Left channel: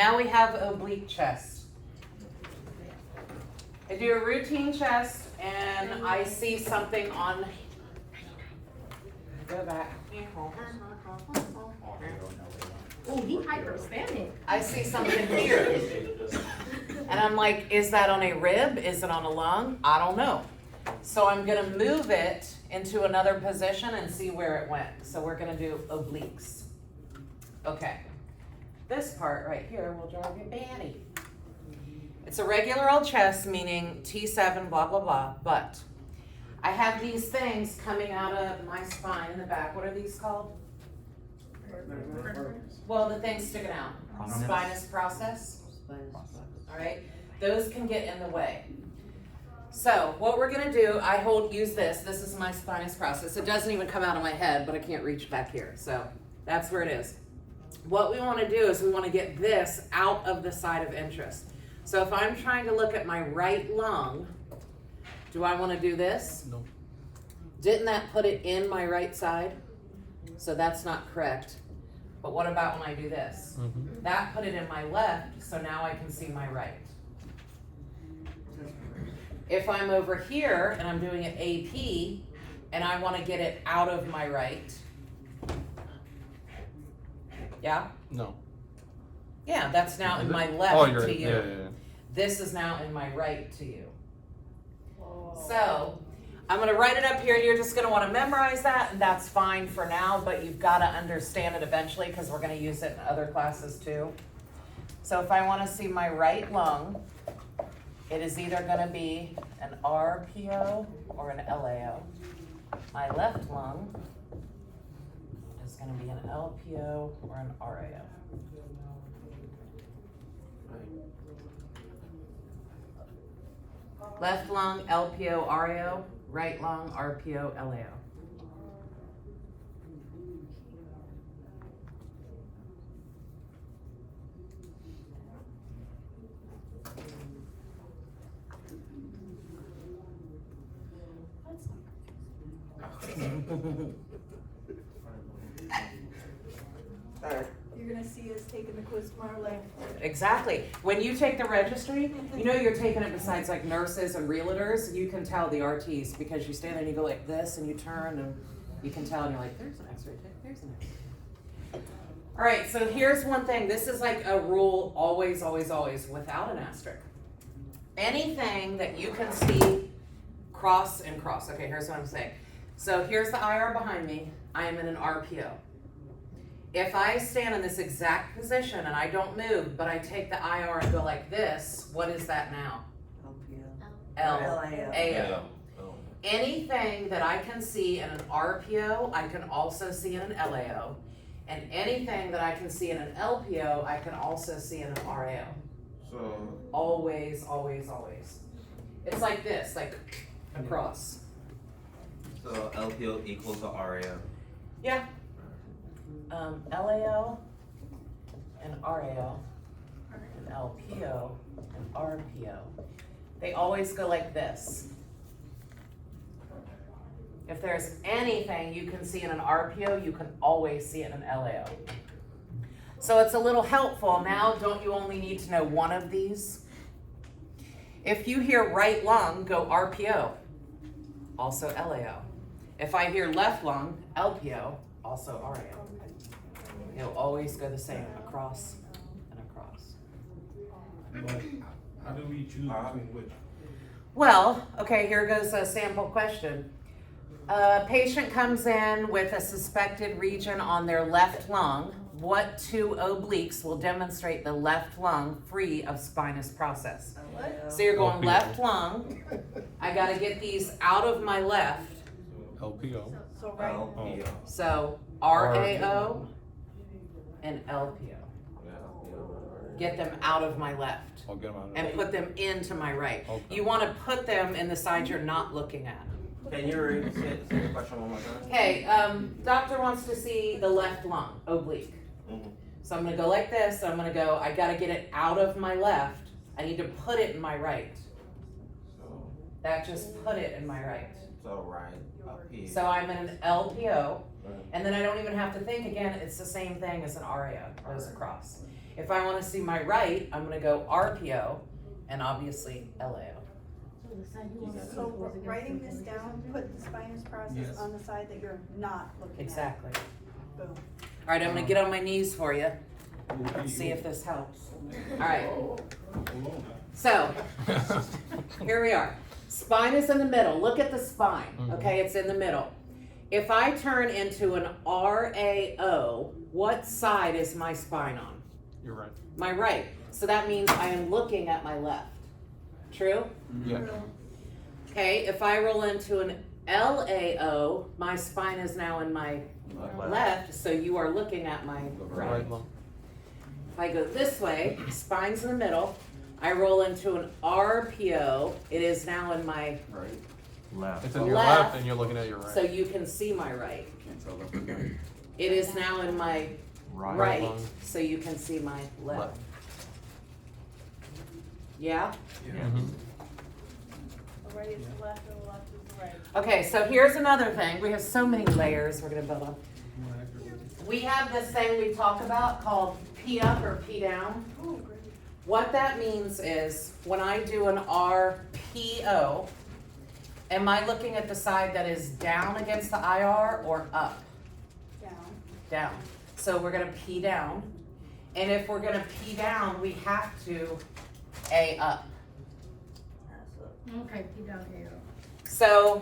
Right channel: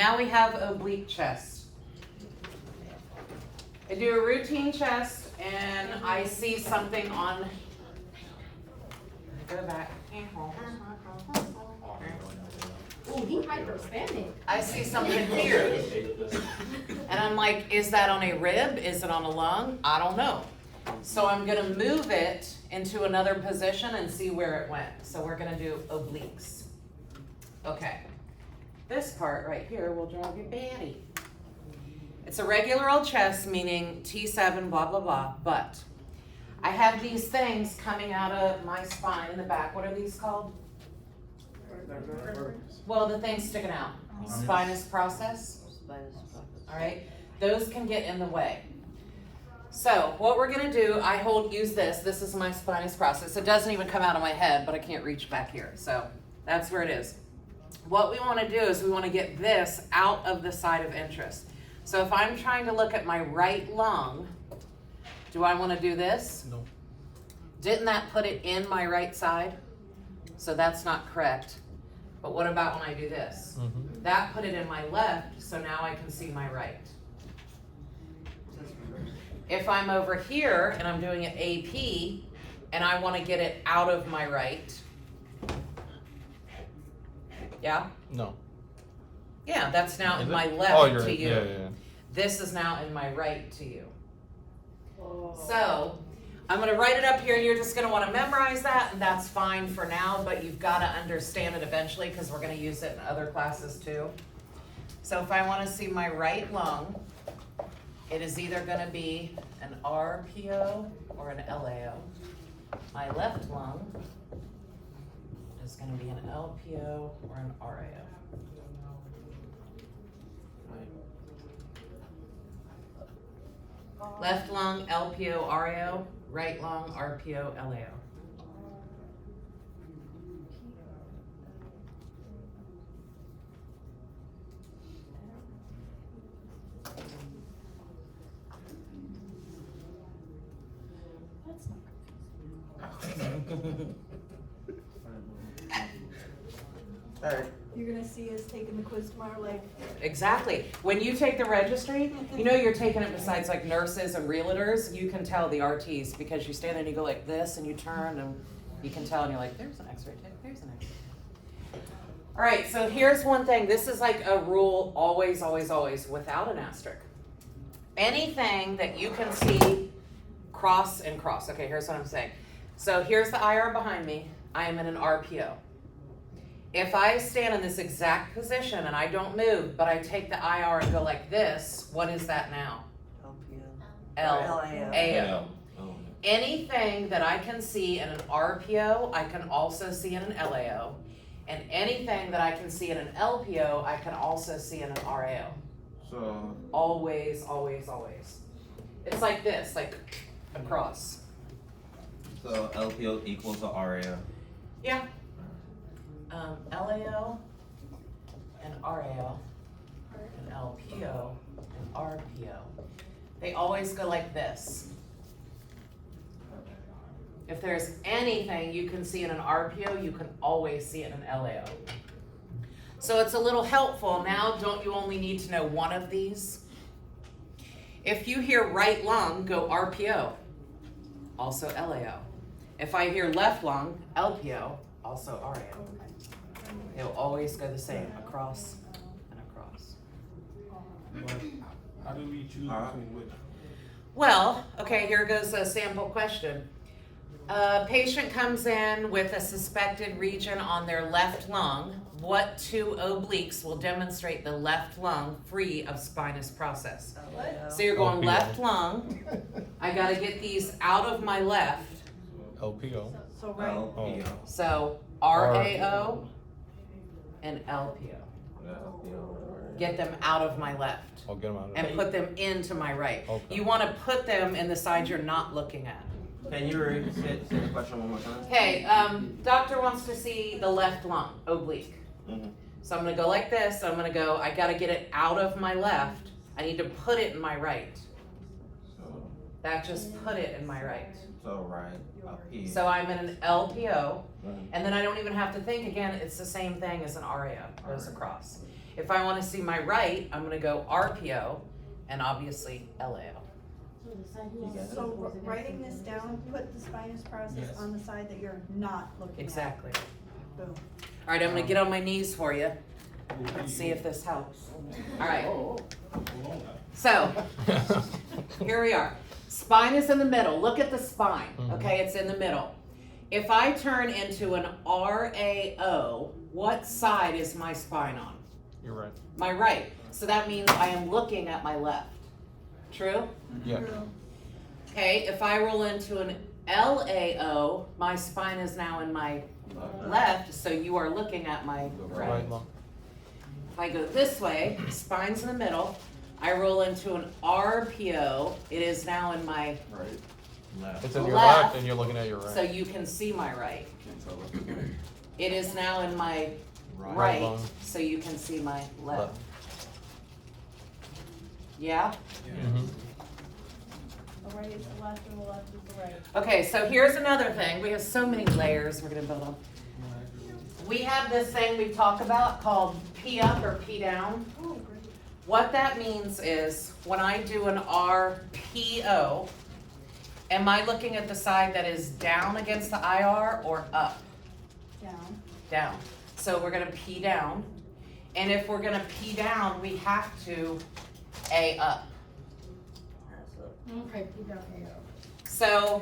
Now we have oblique chest. I do a routine chest and I see something on, go back. Oh, he hyperextended. I see something here. And I'm like, is that on a rib? Is it on a lung? I don't know. So I'm gonna move it into another position and see where it went. So we're gonna do obliques. Okay. This part right here will drive you batty. It's a regular old chest, meaning T7, blah, blah, blah, but I have these things coming out of my spine in the back. What are these called? Well, the things sticking out. Spinous process. All right, those can get in the way. So what we're gonna do, use this. This is my spinous process. It doesn't even come out of my head, but I can't reach back here. So that's where it is. What we wanna do is we wanna get this out of the side of interest. So if I'm trying to look at my right lung, do I wanna do this? No. Didn't that put it in my right side? So that's not correct. But what about when I do this? Mm-hmm. That put it in my left, so now I can see my right. If I'm over here and I'm doing an AP and I want to get it out of my right, yeah? No. Yeah, that's now in my left to you. Yeah. This is now in my right to you. So I'm going to write it up here, and you're just going to want to memorize that, and that's fine for now, but you've got to understand it eventually because we're going to use it in other classes too. So if I want to see my right lung, it is either going to be an RPO or an LAO. My left lung is going to be an LPO or an RAO. Left lung, LPO, RAO. Right lung, RPO, LAO. You're gonna see us taking the quiz tomorrow, like. Exactly. When you take the registry, you know you're taking it besides like nurses and realtors, you can tell the RTs because you stand there and you go like this and you turn and you can tell and you're like, there's an x-ray tip, there's an x-ray. All right, so here's one thing. This is like a rule always, always, always without an asterisk. Anything that you can see cross and cross. Okay, here's what I'm saying. So here's the IR behind me. I am in an RPO. If I stand in this exact position and I don't move, but I take the IR and go like this, what is that now? LAO. Anything that I can see in an RPO, I can also see in an LAO. And anything that I can see in an LPO, I can also see in an RAO. So always, always, always. It's like this, like across. So LPO equals to RAO. Yeah. LAO and RAO and LPO and RPO. They always go like this. If there's anything you can see in an RPO, you can always see it in an LAO. So it's a little helpful. Now, don't you only need to know one of these? If you hear right lung, go RPO, also LAO. If I hear left lung, LPO, also RAO. It'll always go the same, across and across. How do we choose between which? Well, okay, here goes a sample question. A patient comes in with a suspected region on their left lung. What two obliques will demonstrate the left lung free of spinous process? So you're going left lung. I gotta get these out of my left. LPO. So right. LPO. So RAO and LPO. Get them out of my left I'll get them out. and put them into my right. Okay. You want to put them in the side you're not looking at. Can you say the question one more time? Okay, doctor wants to see the left lung, oblique. Mhm. So I'm gonna go like this, I'm gonna go, I gotta get it out of my left, I need to put it in my right. So, That just put it in my right. so right up here. So I'm in an LPO, Mhm. and then I don't even have to think again, it's the same thing as an RAO, goes across. If I want to see my right, I'm going to go RPO and obviously LAO. So writing this down, put the spinous process Yes. on the side that you're not looking at. Exactly. Boom. All right, I'm going to get on my knees for you. Let's see if this helps. All right. So, here we are. Spine is in the middle. Look at the spine. Okay, it's in the middle. If I turn into an RAO, what side is my spine on? You're right. My right. So that means I am looking at my left. True? Yeah. Okay, if I roll into an LAO, my spine is now in my left, so you are looking at my right. Right lung. If I go this way, spine's in the middle. I roll into an RPO, it is now in my Left. It's in your Left. left and you're looking at your right. so you can see my right. It is now in my right, lung. so you can see my left. Yeah? Mhm. The right is the left and the left is the right. Okay, so here's another thing. We have so many layers we're gonna build on. We have this thing we talk about called P up or P down. Oh, great. What that means is when I do an RPO, am I looking at the side that is down against the IR or up? Down. Down. So we're gonna P down. And if we're gonna P down, we have to A up. Okay, keep that here. So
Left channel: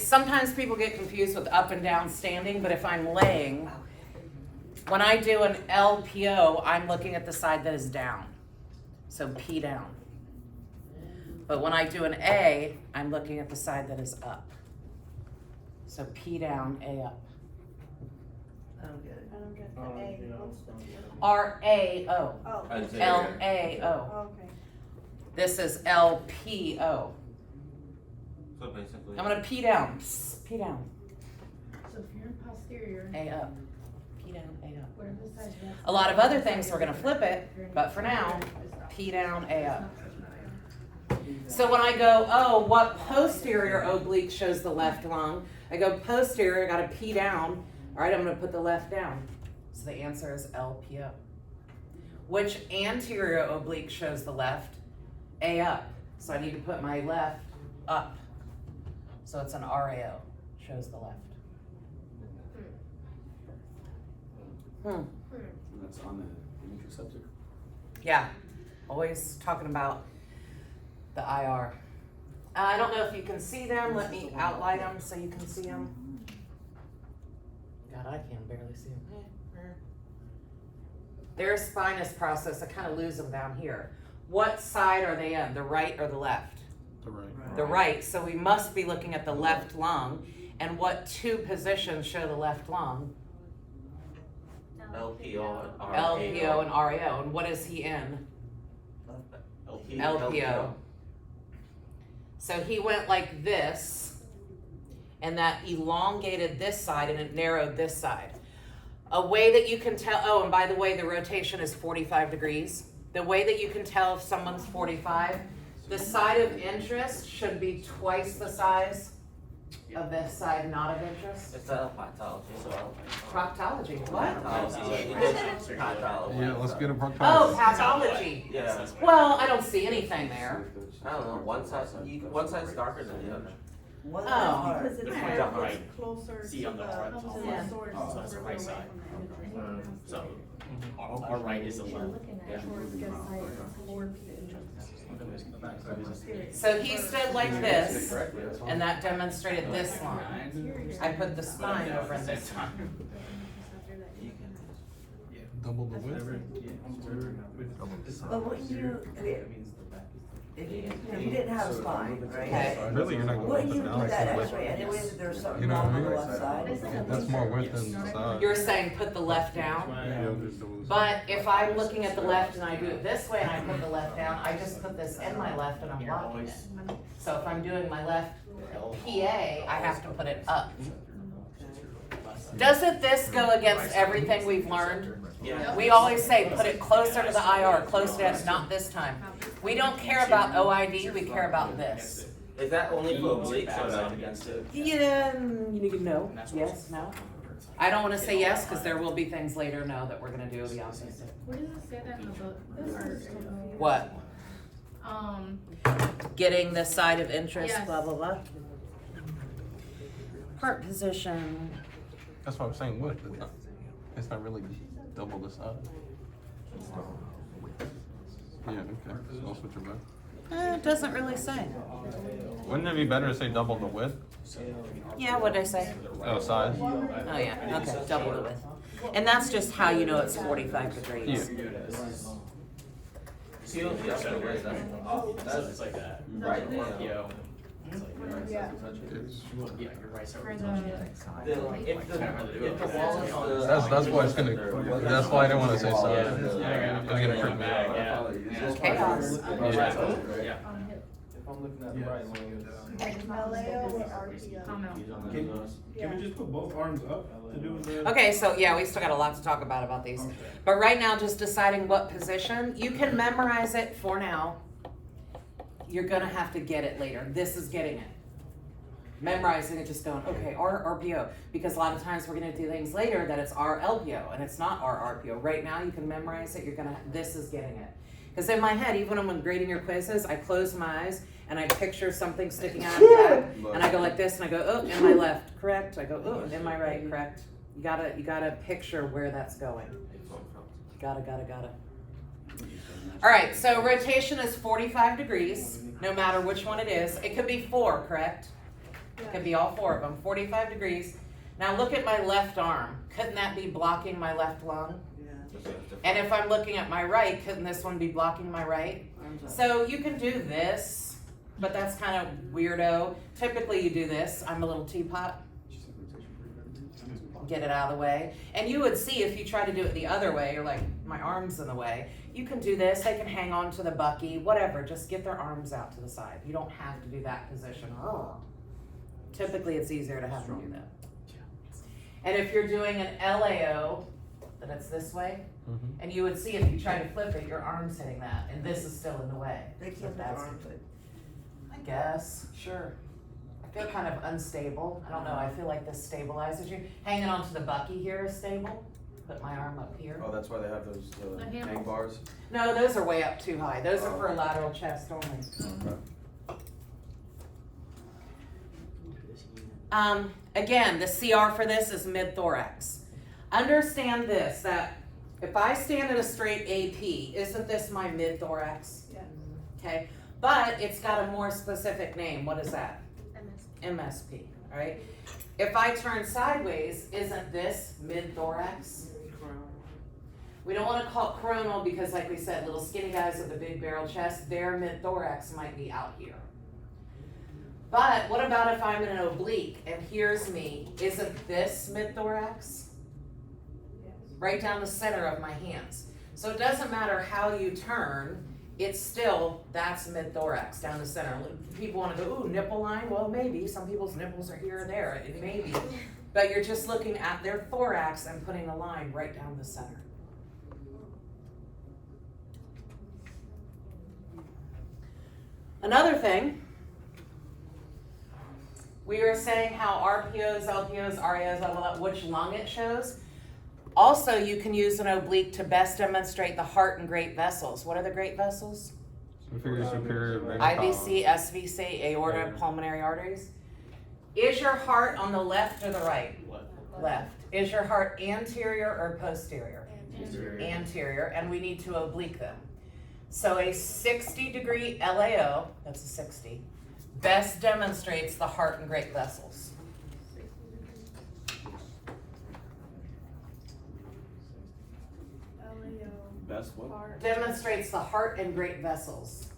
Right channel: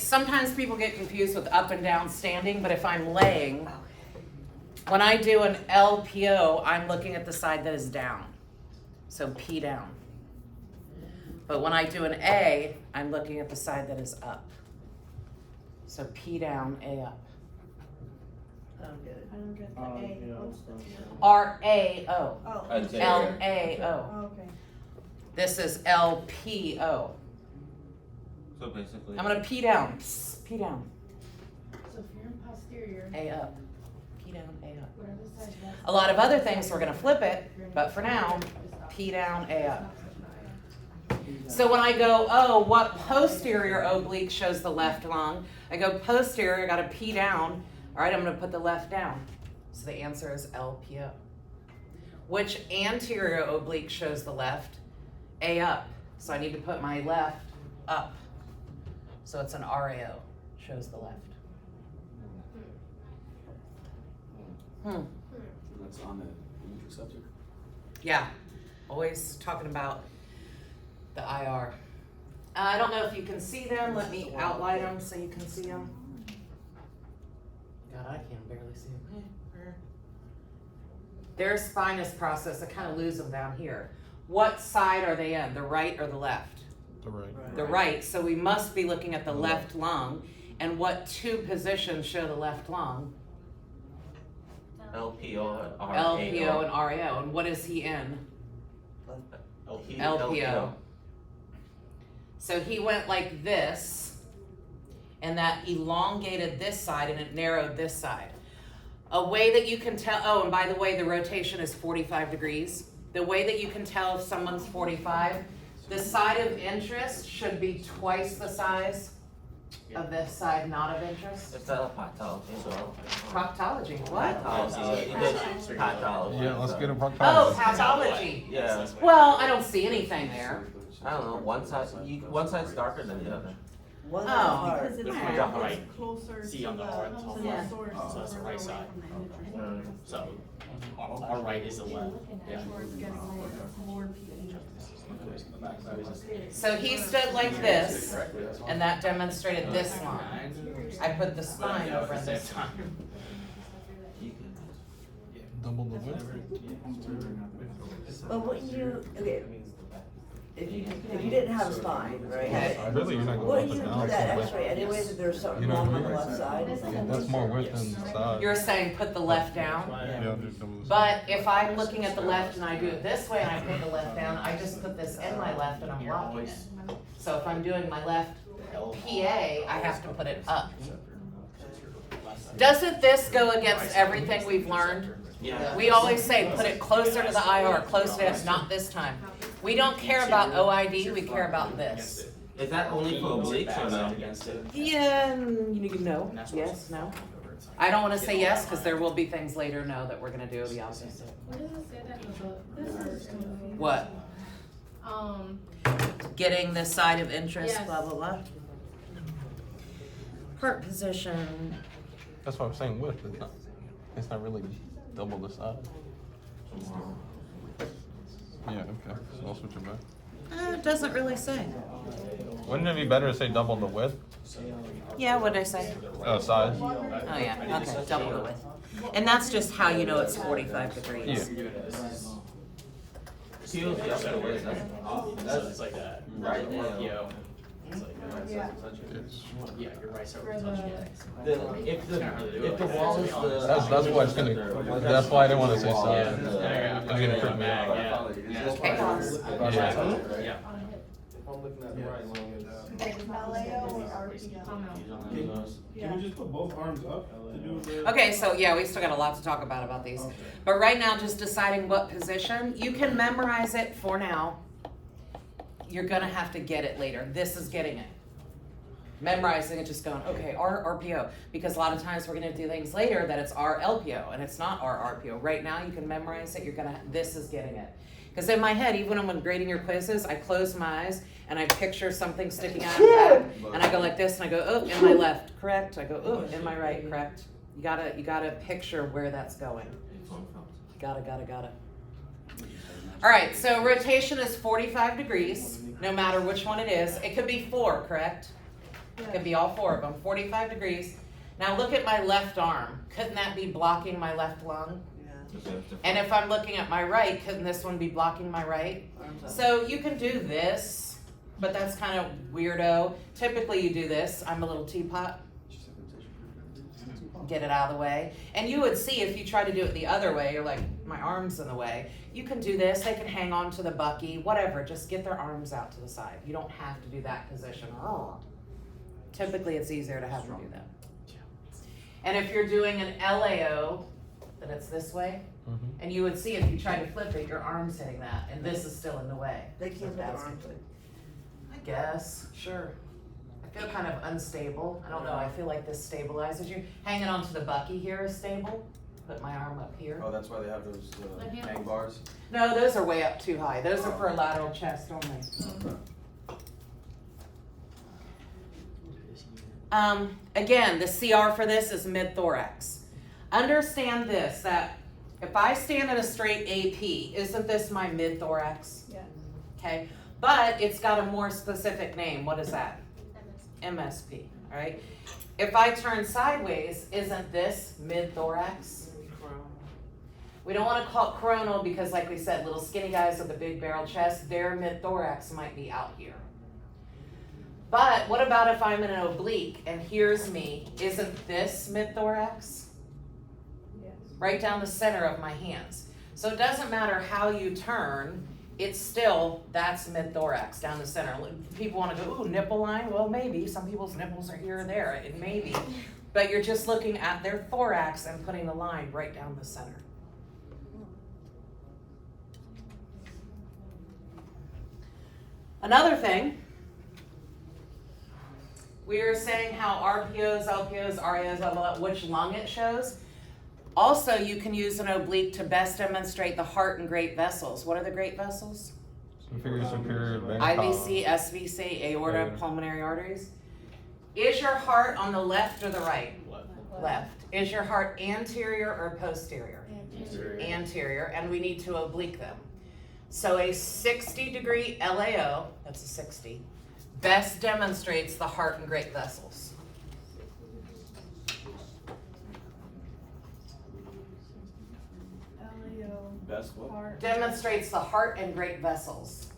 sometimes people get confused with up and down standing, but if I'm laying, when I do an LPO, I'm looking at the side that is down. So P down. But when I do an A, I'm looking at the side that is up. So P down, A up. I don't get the A. What's the? RAO. Oh, LAO. okay. This is LPO. So basically. I'm gonna P down. Psst, P down. So if you're in posterior, A up. P down, A up. whatever side that's. A lot of other things we're gonna flip it, but for now, P down, A up. So when I go, oh, what posterior oblique shows the left lung? I go posterior, I gotta P down. All right, I'm gonna put the left down. So the answer is LPO. Which anterior oblique shows the left? A up. So I need to put my left up. So it's an RAO, shows the left. That's on the image receptor. Yeah, always talking about the IR. I don't know if you can see them. Let me outline them so you can see them. God, I can barely see them. Their spinous process, I kind of lose them down here. What side are they in, the right or the left? The right. The right, so we must be looking at the left lung. And what two positions show the left lung? LPO and LPO and RAO. And what is he in? LPO. So he went like this, and that elongated this side and it narrowed this side. A way that you can tell, oh, and by the way, the rotation is 45 degrees. The way that you can tell if someone's 45, the side of interest should be twice the size of this side not of interest. It's not proctology, so. Proctology, what? Proctology. Yeah, let's get a proctologist. Oh, pathology. Yeah. Well, I don't see anything there. I don't know, one side's darker than the other. Oh. Because it's This more- one's on the right. it's closer See to on the the, right. to the Yeah. source. So that's the right side. So our right is the left. Yeah. So he stood like this, and that demonstrated this line. I put the spine over in this line. You can. Double the width. Well, wouldn't you, okay, if you didn't have a spine, right? Okay. Really, you're not gonna Wouldn't look you down, do that so x-ray anyway, if there was something You know wrong what on I the mean? left side? That's more width than the side. You're saying put the left down? Yeah. But if I'm looking at the left and I do it this way and I put the left down, I just put this in my left and I'm blocking it. So if I'm doing my left PA, I have to put it up. Doesn't this go against everything we've learned? Yeah. We always say, put it closer to the IR, closer to, not this time. We don't care about OID, we care about this. Is that only for obliques or no? Yeah, you can no, yes, no. I don't wanna say yes, cause there will be things later, no, that we're gonna do the opposite. Where does it say that in the book? This or in the- What? Getting this side of interest, Yes. blah, blah, blah. Heart position. That's what I'm saying, width, isn't it? It's not really double the size. Yeah, okay, so that's what you got. It doesn't really say. Wouldn't it be better to say double the width? Yeah, what'd I say? Oh, size? Oh, yeah, okay, double the width. And that's just how you know it's 45 degrees. Yeah. Peels the other way, So it's like that. right, Yo. It's like, Yeah. yeah, you're right. So For it's the- touching it. if the wall is the. That's why it's gonna, that's why I didn't wanna say Yeah. size. It's gonna freak me out. Yeah. Chaos. Yeah. If I'm looking at the right line, LAO or RPO? Oh, no. Can we just put both arms up to do the? Okay, so yeah, we still got a lot to talk about these. But right now, just deciding what position, you can memorize it for now. You're gonna have to get it later. This is getting it. Memorizing it, just going, okay, RPO. Because a lot of times we're gonna do things later that it's RLPO and it's not RRPO. Right now, you can memorize it, this is getting it. Because in my head, even when I'm grading your quizzes, I close my eyes and I picture something sticking out of the back, and I go like this, and I go, oh, in my left, correct. I go, oh, in my right, correct. You gotta picture where that's going. Gotta. All right, so rotation is 45 degrees, no matter which one it is. It could be 4, correct? It could be all 4 of them, 45 degrees. Now look at my left arm. Couldn't that be blocking my left lung? And if I'm looking at my right, couldn't this one be blocking my right? So you can do this, but that's kind of weirdo. Typically you do this. I'm a little teapot. Get it out of the way. And you would see if you try to do it the other way, you're like, my arm's in the way. You can do this. They can hang on to the bucky, whatever. Just get their arms out to the side. You don't have to do that position. Typically it's easier to have them do that. And if you're doing an LAO, then it's this way. Mhm. And you would see if you try to flip it, your arm's hitting that, and this is still in the way. They So can't that's arms good. I guess, sure. I feel kind of unstable. I don't know, I feel like this stabilizes you. Hanging onto the bucky here is stable. Put my arm up here. Oh, that's why they have those, Like him? hang bars? No, those are way up too high. Those are for a lateral chest only. Again, the CR for this is mid-thorax. Understand this, that if I stand at a straight AP, isn't this my mid-thorax? Yeah. Okay, but it's got a more specific name. What is that? MSP, all right? If I turn sideways, isn't this mid-thorax? We don't want to call it coronal because like we said, little skinny guys with a big barrel chest, their mid-thorax might be out here. But what about if I'm in an oblique and here's me, isn't this mid-thorax? Right down the center of my hands. So it doesn't matter how you turn, it's still, that's mid-thorax down the center. People want to go, ooh, nipple line? Well, maybe. Some people's nipples are here or there. It may be. But you're just looking at their thorax and putting the line right down the center. Another thing, we are saying how RPOs, LPOs, RAOs, blah, blah, blah, which lung it shows. Also, you can use an oblique to best demonstrate the heart and great vessels. What are the great vessels? Superior, vein IVC, SVC, aorta, Right. pulmonary arteries. Is your heart on the left or the right? Left. Is your heart anterior or posterior? Anterior, and we need to oblique them. So a 60-degree LAO, that's a 60, best demonstrates the heart and great vessels. Best what? Demonstrates the heart and great vessels.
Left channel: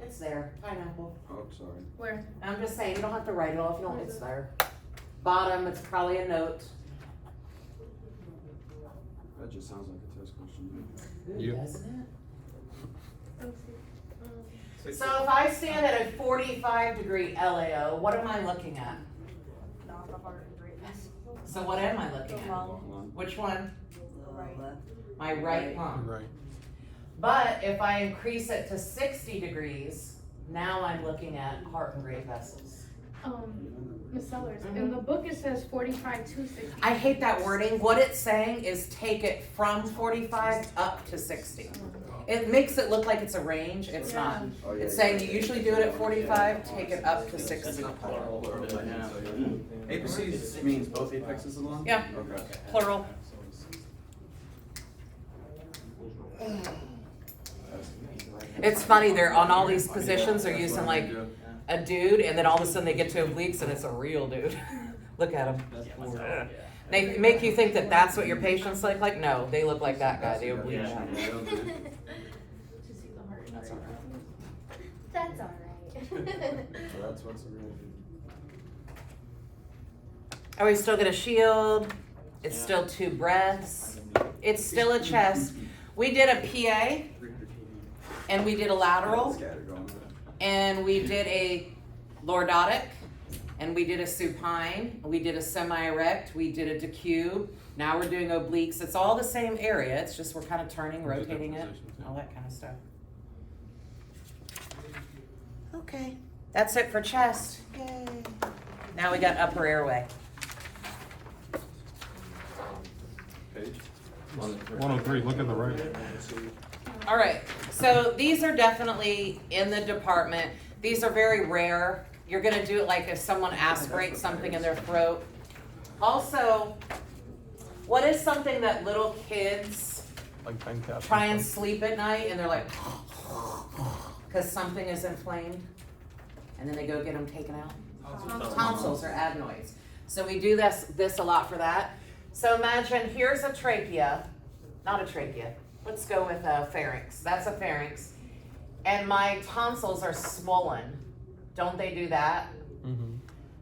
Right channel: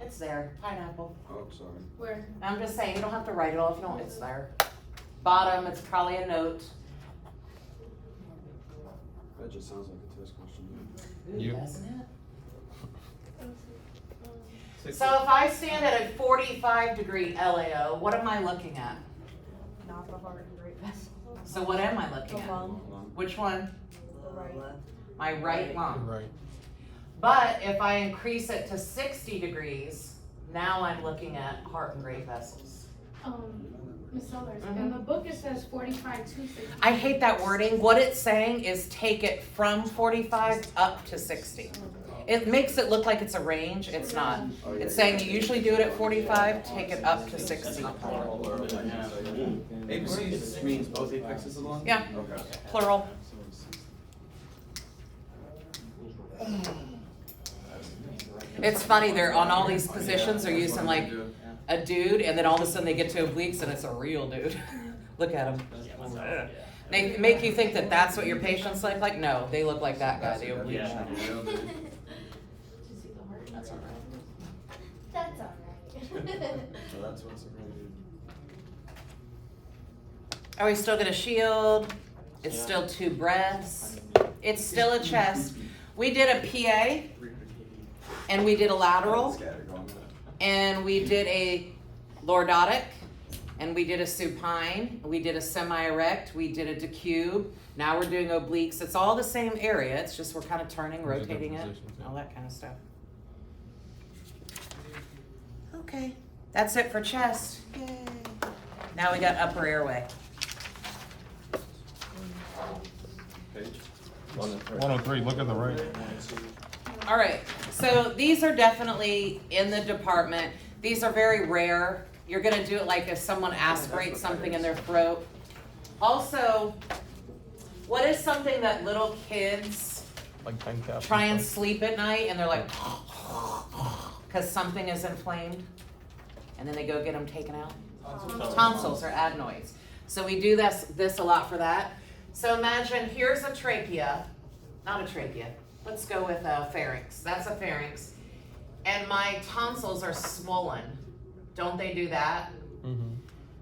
It's there, pineapple. Oh, sorry. Where? I'm just saying, you don't have to write it all if you don't, it's there. Bottom, it's probably a note. That just sounds like a test question. Ooh, You- doesn't it? So if I stand at a 45-degree LAO, what am I looking at? Not the heart and great vessel. So what am I looking at? Lung. Which one? The left. My right lung. Right. But if I increase it to 60 degrees, now I'm looking at heart and great vessels. Miss Sellers, in the book it says 45 to 60. I hate that wording. What it's saying is take it from 45 up to 60. It makes it look like it's a range. It's not. It's saying you usually do it at 45, take it up to 60. Apices means both apexes along? Yeah, Okay. plural. It's funny, they're on all these positions, they're using like a dude, and then all of a sudden they get to obliques and it's a real dude. Look at them. They make you think that that's what your patients look like. No, they look like that guy, the oblique guy. That's alright. So that's what's really. Are we still gonna shield? It's still 2 breaths. It's still a chest. We did a PA, and we did a lateral, and we did a lordotic, and we did a supine, we did a semi-erect, we did a decube. Now we're doing obliques. It's all the same area. It's just we're kind of turning, rotating it, all that kind of stuff. Okay, that's it for chest. Yay. Now we got upper airway. Page? 103, look at the right. All right, so these are definitely in the department. These are very rare. You're gonna do it like if someone aspirates something in their throat. Also, what is something that little kids Like pen cap. try and sleep at night and they're like, because something is inflamed, and then they go get them taken out? Tonsils or adenoids. So we do this a lot for that. So imagine here's a trachea, not a trachea. Let's go with a pharynx. That's a pharynx. And my tonsils are swollen. Don't they do that? Mm-hmm.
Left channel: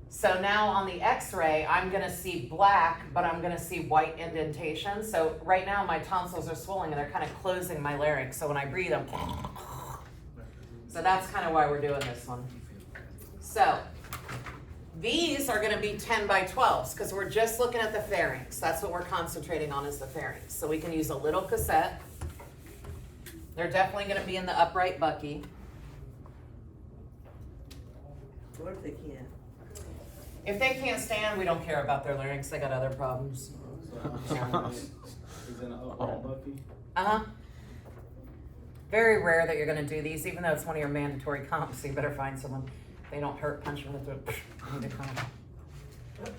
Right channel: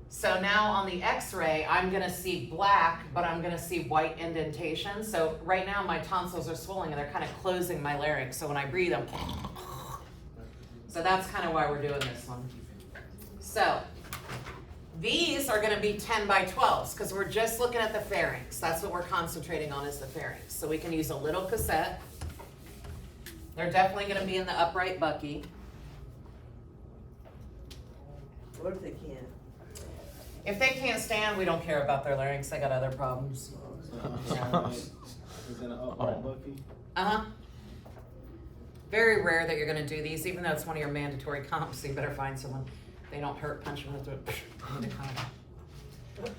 So now on the x-ray, I'm gonna see black, but I'm gonna see white indentation. So right now my tonsils are swollen and they're kind of closing my larynx. So when I breathe, I'm so that's kind of why we're doing this one. So these are gonna be 10 by 12s because we're just looking at the pharynx. That's what we're concentrating on is the pharynx. So we can use a little cassette. They're definitely gonna be in the upright bucky. What if they can't? If they can't stand, we don't care about their larynx. They got other problems. Is it an upright bucky? Uh-huh. Very rare that you're gonna do these, even though it's one of your mandatory comps, so you better find someone. They don't hurt, punch them with the need a comp. All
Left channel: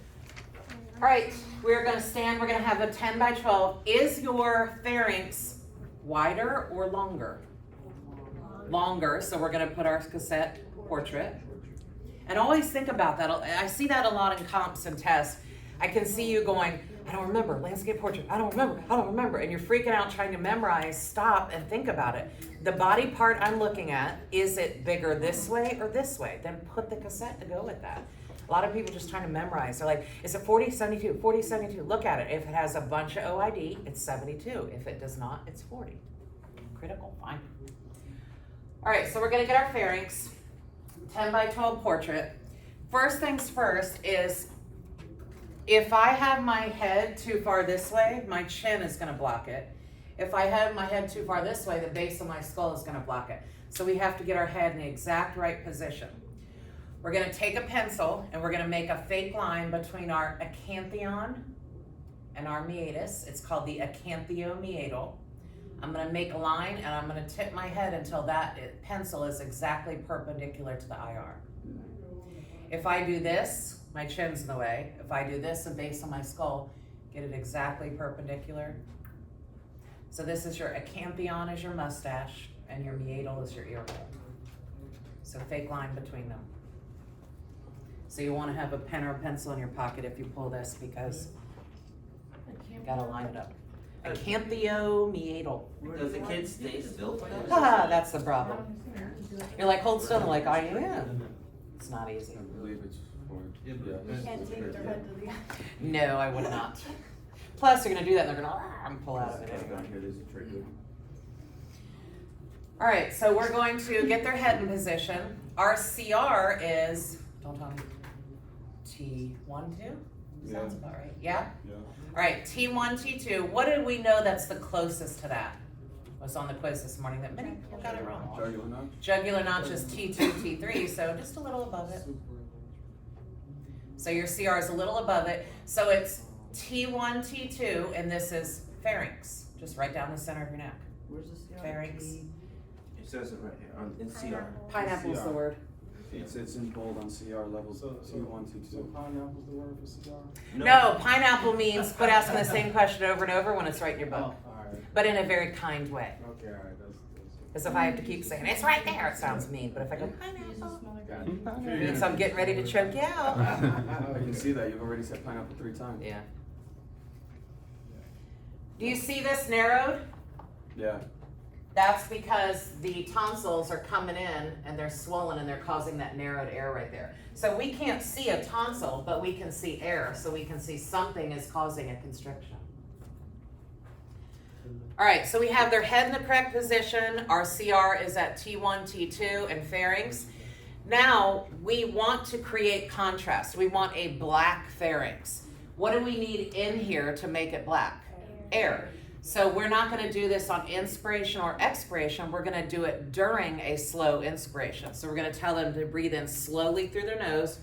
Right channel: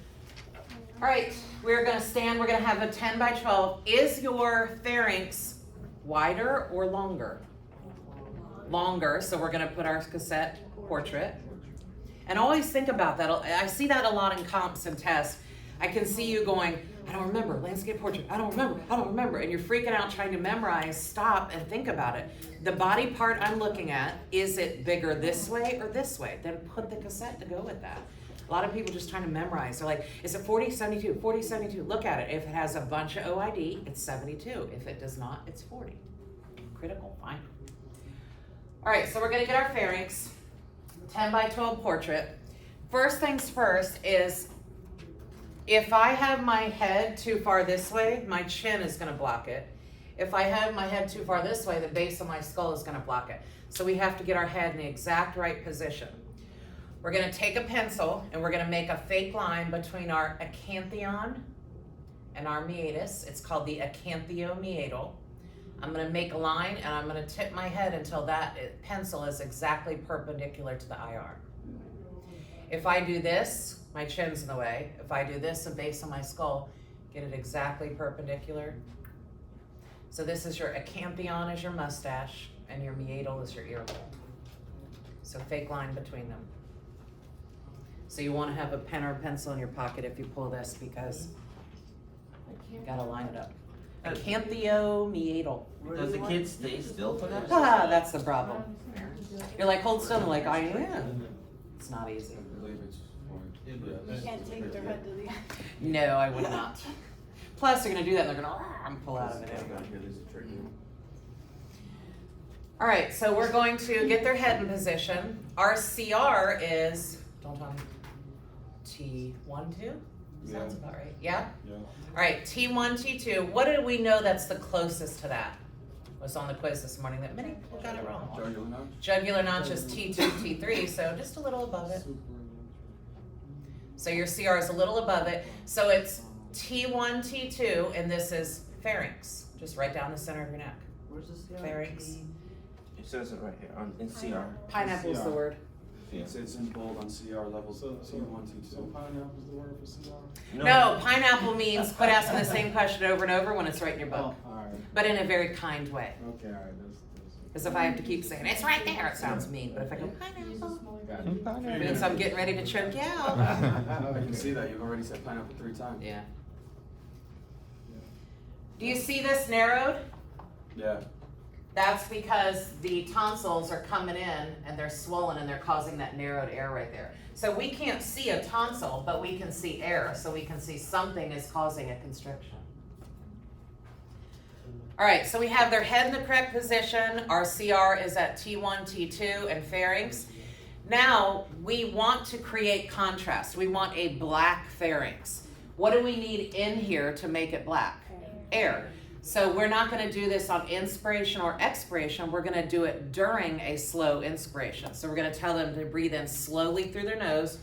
right, we're gonna stand, we're gonna have a 10 by 12. Is your pharynx wider or longer? Longer, so we're gonna put our cassette portrait. And always think about that. I see that a lot in comps and tests. I can see you going, I don't remember, landscape portrait, I don't remember. And you're freaking out trying to memorize, stop and think about it. The body part I'm looking at, is it bigger this way or this way? Then put the cassette to go with that. A lot of people just trying to memorize. They're like, is it 40, 72, 40, 72? Look at it. If it has a bunch of OID, it's 72. If it does not, it's 40. Critical, fine. All right, so we're gonna get our pharynx, 10 by 12 portrait. First things first is, if I have my head too far this way, my chin is gonna block it. If I have my head too far this way, the base of my skull is gonna block it. So we have to get our head in the exact right position. We're gonna take a pencil and we're gonna make a fake line between our acanthion and our meatus. It's called the acanthomeatal. I'm gonna make a line and I'm gonna tip my head until that pencil is exactly perpendicular to the IR. If I do this, my chin's in the way. If I do this, the base of my skull, get it exactly perpendicular. So this is your acanthion is your mustache and your meatal is your ear hole. So fake line between them. So you wanna have a pen or a pencil in your pocket if you pull this because you gotta line it up. Acanthomeatal. Does the kid stay still for that? Ah, that's the problem. You're like, hold still, and like, I am. It's not easy. I believe it's You can't take their head to the. No, I would not. Plus, they're gonna do that and they're gonna pull out of it anyway. All right, so we're going to get their head in position. Our CR is, don't tell me, T1-2? Sounds about right, yeah? Yeah. All right, T1, T2, what do we know that's the closest to that? Was on the quiz this morning that many people got it wrong. Jugular notch? Jugular notch is T2, T3, so just a little above it. So your CR is a little above it. So it's T1, T2, and this is pharynx, just right down the center of your neck. Where's the CR? Pharynx. It says it right here in CR. Pineapple's the word. It's in bold on CR levels, T1, T2. Pineapple's the word for CR? No, pineapple means quit asking the same question over and over when it's right in your book, Oh, alright. but in a very kind way. Okay, alright, that's. Because if I have to keep saying it's right there, it sounds mean. But if I go pineapple, it means I'm getting ready to choke you out. I can see that, you've already said pineapple 3 times. Yeah. Do you see this narrowed? Yeah. That's because the tonsils are coming in and they're swollen and they're causing that narrowed air right there. So we can't see a tonsil, but we can see air. So we can see something is causing a constriction. All right, so we have their head in the correct position. Our CR is at T1, T2, and pharynx. Now we want to create contrast. We want a black pharynx. What do we need in here to make it black? Air. So we're not going to do this on inspiration or expiration. We're going to do it during a slow inspiration. So we're going to tell them to breathe in slowly through their nose,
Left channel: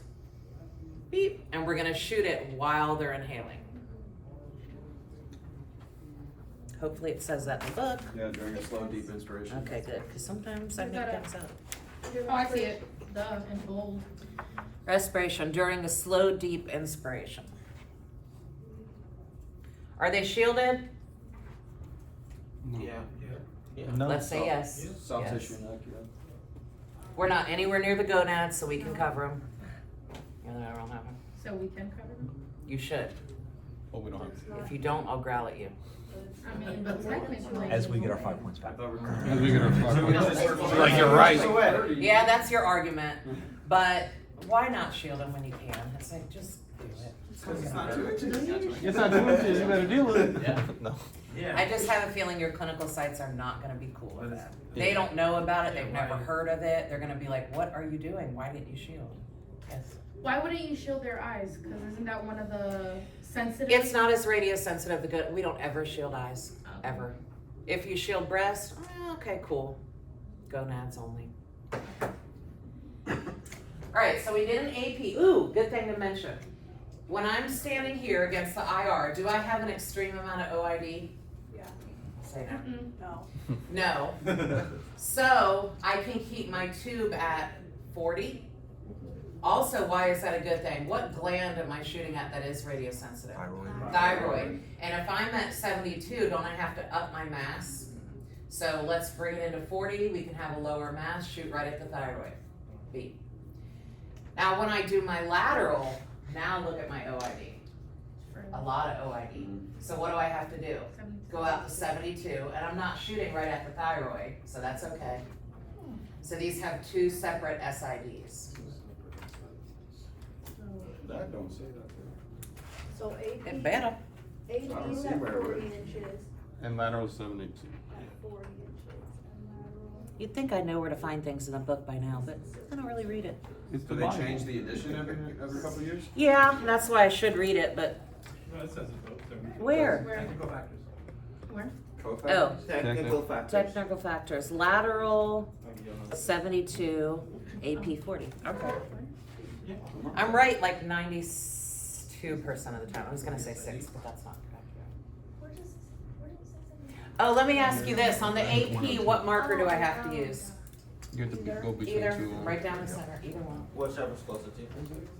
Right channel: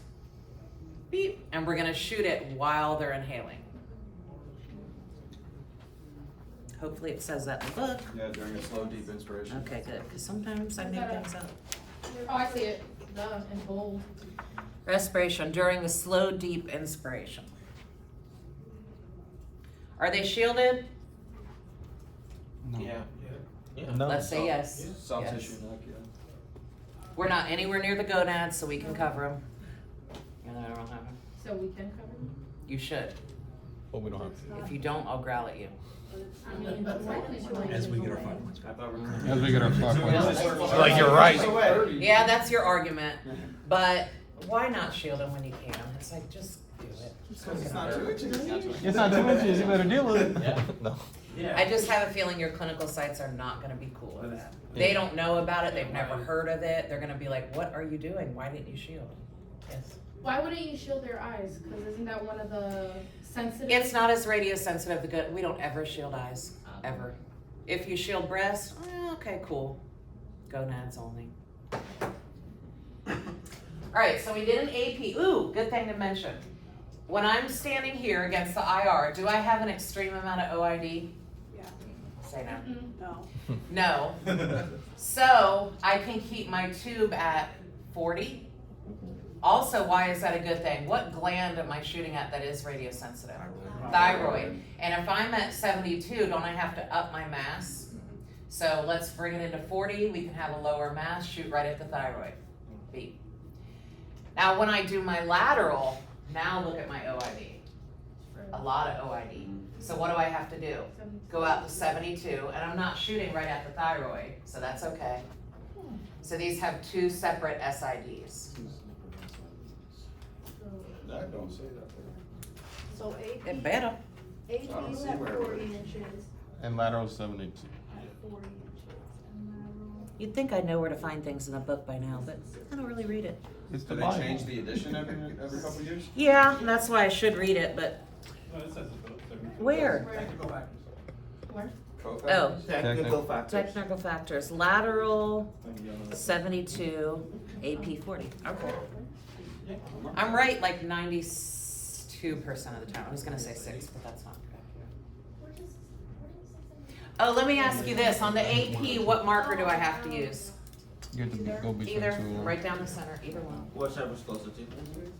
beep, and we're going to shoot it while they're inhaling. Hopefully it says that in the book. Yeah, during a slow, deep inspiration. Okay, good, because sometimes I make things up. Oh, I see it. Duh, in bold. Respiration during a slow, deep inspiration. Are they shielded? Yeah. Let's say yes. Soft Yes. tissue neck, yeah. We're not anywhere near the gonads, so we can cover them. You know, that won't happen. So we can cover them? You should. But we don't have to. If you don't, I'll growl at you. I mean, but technically. As we get our 5 points back. As we get our fuck. Like you're right. Yeah, that's your argument. But why not shield them when you can? It's like, just do it. It's not gonna hurt. It's not too much, you better deal with it. No. I just have a feeling your clinical sites are not gonna be cool with that. They don't know about it, they've never heard of it, they're gonna be like, what are you doing? Why didn't you shield? Yes. Why wouldn't you shield their eyes? Because isn't that one of the sensitive? It's not as radius sensitive, we don't ever shield eyes, ever. If you shield breast, okay, cool. Gonads only. Alright, so we did an AP. Ooh, good thing to mention. When I'm standing here against the IR, do I have an extreme amount of OID? Yeah. Say no. No. No. So I can keep my tube at 40. Also, why is that a good thing? What gland am I shooting at that is radiosensitive? Thyroid. And if I'm at 72, don't I have to up my mass? So let's bring it into 40. We can have a lower mass, shoot right at the thyroid. Beep. Now when I do my lateral, now look at my OID. A lot of OID. So what do I have to do? Go out to 72, and I'm not shooting right at the thyroid, so that's okay. So these have 2 separate SIDs. That don't say that there. So AP, It better. AP's at 40 inches, And lateral 72. at 40 inches, and lateral. You'd think I'd know where to find things in a book by now, but I don't really read it. It's Do they change the edition every couple of years? Yeah, that's why I should read it, but No, it says it though. where? Where? Oh, Technical factors. technical factors. Lateral 72, AP 40. Okay. I'm right like 92% of the time. I was gonna say 6, but that's not correct. Oh, let me ask you this. On the AP, what marker do I have to use? You have to go between Either, 2. right down the center, either one. Whichever's closer to you.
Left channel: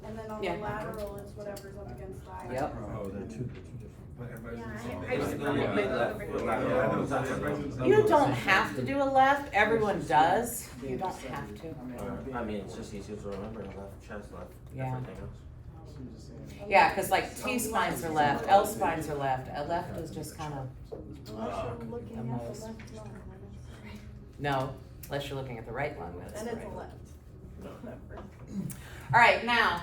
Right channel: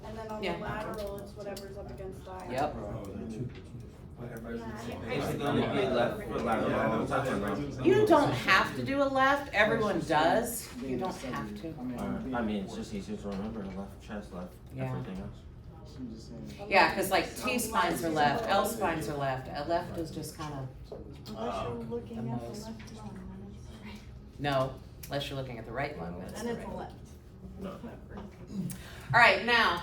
And then on Yeah. the lateral, it's whatever's up against the eye. Yep. Oh, they're 2. It's gonna be left with lateral. You don't have to do a left. Everyone does. You don't have to. I mean, it's just easier to remember, left chest, left, Yeah. everything else. Yeah, because like T spines are left, L spines are left. A left is just kind of, Unless you're looking a at the most. left lung. no, unless you're looking at the right lung, that's Then the it's right. a left. All right, now,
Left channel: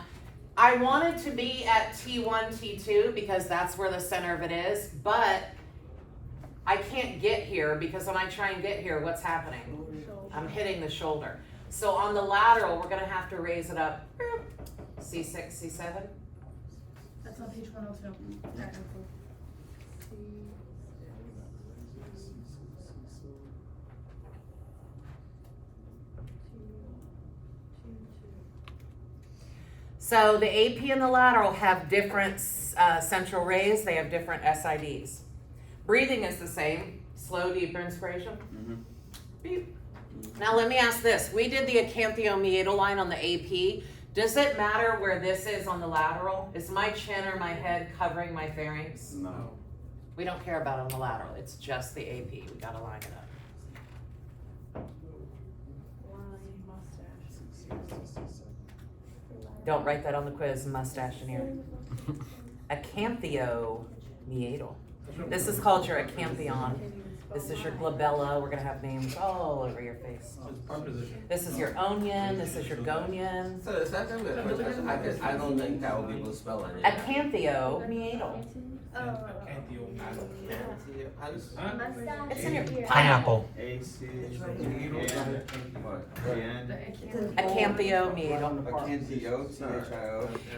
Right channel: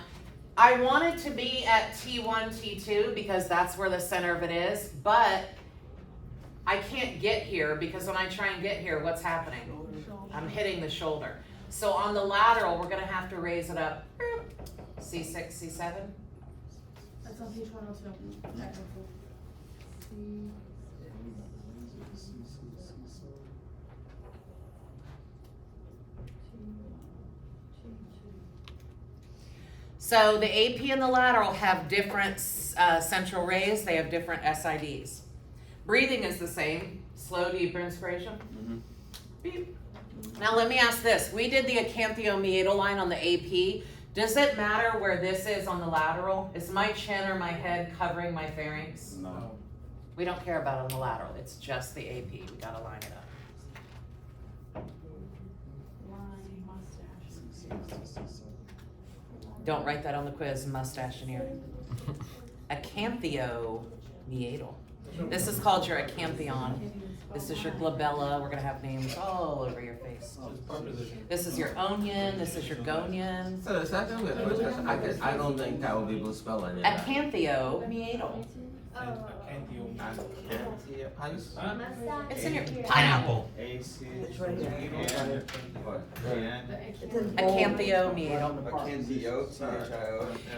I wanted to be at T1, T2 because that's where the center of it is, but I can't get here because when I try and get here, what's happening? I'm hitting the shoulder. So on the lateral, we're gonna have to raise it up. C6, C7. That's on page 102. Technical. So the AP and the lateral have different central rays. They have different SIDs. Breathing is the same. Slow, deep inspiration. Beep. Now let me ask this. We did the acanthomeatal line on the AP. Does it matter where this is on the lateral? Is my chin or my head covering my pharynx? No. We don't care about it on the lateral. It's just the AP. We gotta line it up. Don't write that on the quiz, mustache in here. Acanthomeatal. This is called your acanthion. This is your glabella. We're gonna have names all over your face. This is your onion. This is your gonion. So the second with first question, I don't think I will be able to spell any of that. Acanthomeatal. How you spell? It's in your Pineapple. Acanthomeatal.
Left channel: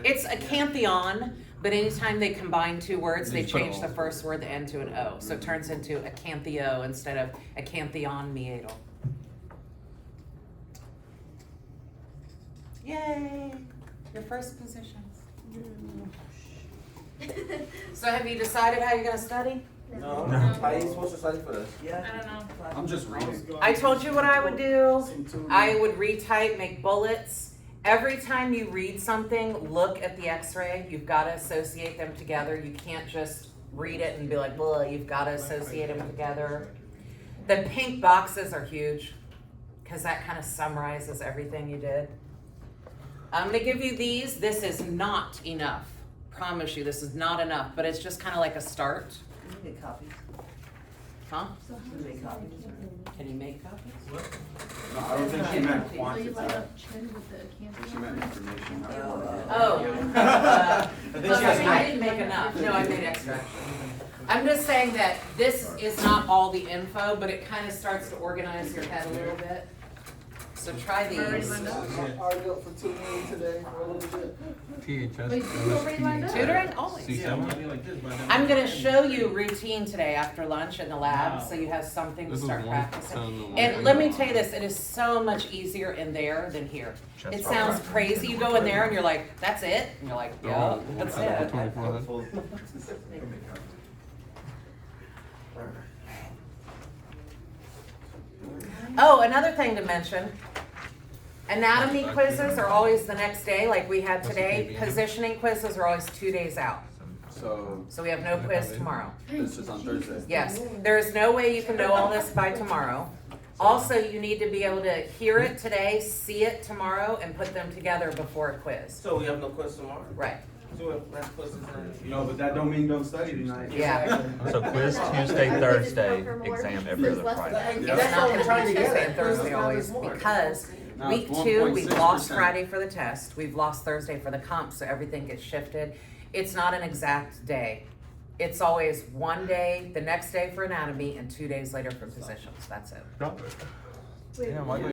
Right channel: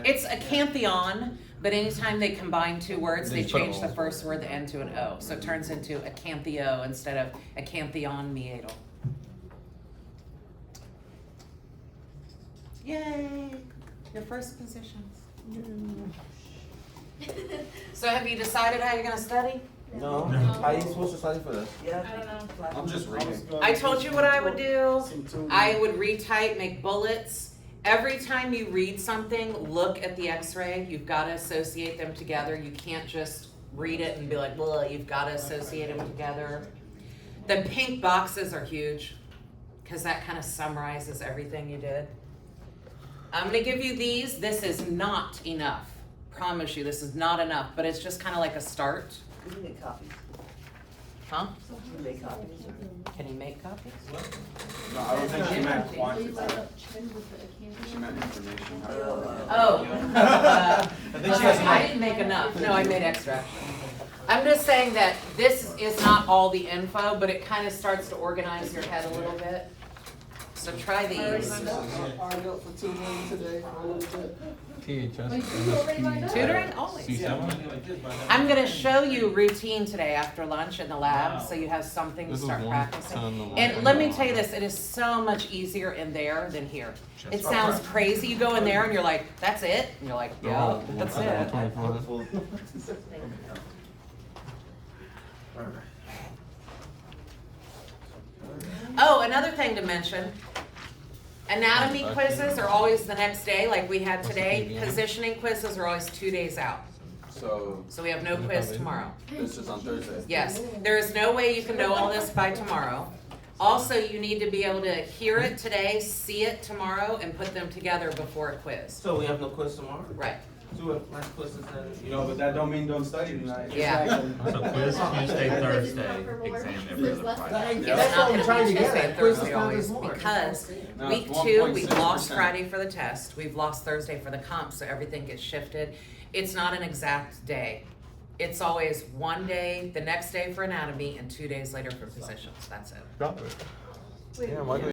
It's acantheon, but anytime they combine two words, they change the first word, the N to an O. So it turns into acanthio instead of acanthionmeatal. Yay! Your first positions. So have you decided how you're gonna study? No. How are you supposed to study for this? I don't know. I'm just reading. I told you what I would do. I would retype, make bullets. Every time you read something, look at the x-ray. You've got to associate them together. You can't just read it and be like, well, you've got to associate them together. The pink boxes are huge because that kind of summarizes everything you did. I'm going to give you these. This is not enough. Promise you, this is not enough, but it's just kind of like a start. Can you make copies? Huh? Can you make copies? Can you make copies? No, I don't think she meant So you quantity. light up chin with the She meant information. Oh. I didn't make enough. No, I made extra. I'm just saying that this is not all the info, but it kind of starts to organize your head a little bit. So try these. THS. Wait, you already lined up? Tutoring always. C7? I'm gonna show you routine today after lunch in the lab, so you have something to This is start one practicing. sound And let me tell you this, it is so much easier in there than here. It sounds crazy. You go in there and you're like, that's it? And you're like, yeah, that's it. 24. Oh, another thing to mention, anatomy quizzes are always the next day, like we had today. Positioning quizzes are always 2 days out. So So we have no quiz tomorrow. this is on Thursday. Yes, there is no way you can know all this by tomorrow. Also, you need to be able to hear it today, see it tomorrow, and put them together before a quiz. So we have no quiz tomorrow? Right, So let's quiz is You know, but that don't mean don't study tonight. yeah. So quiz Tuesday, Thursday, exam every other Friday. It's not gonna be Tuesday and Thursday always, because No, week it's 2, we've lost 1.6%. Friday for the test, we've lost Thursday for the comp, so everything gets shifted. It's not an exact day. It's always one day, the next day for anatomy, and 2 days later for positions, that's it. Yeah,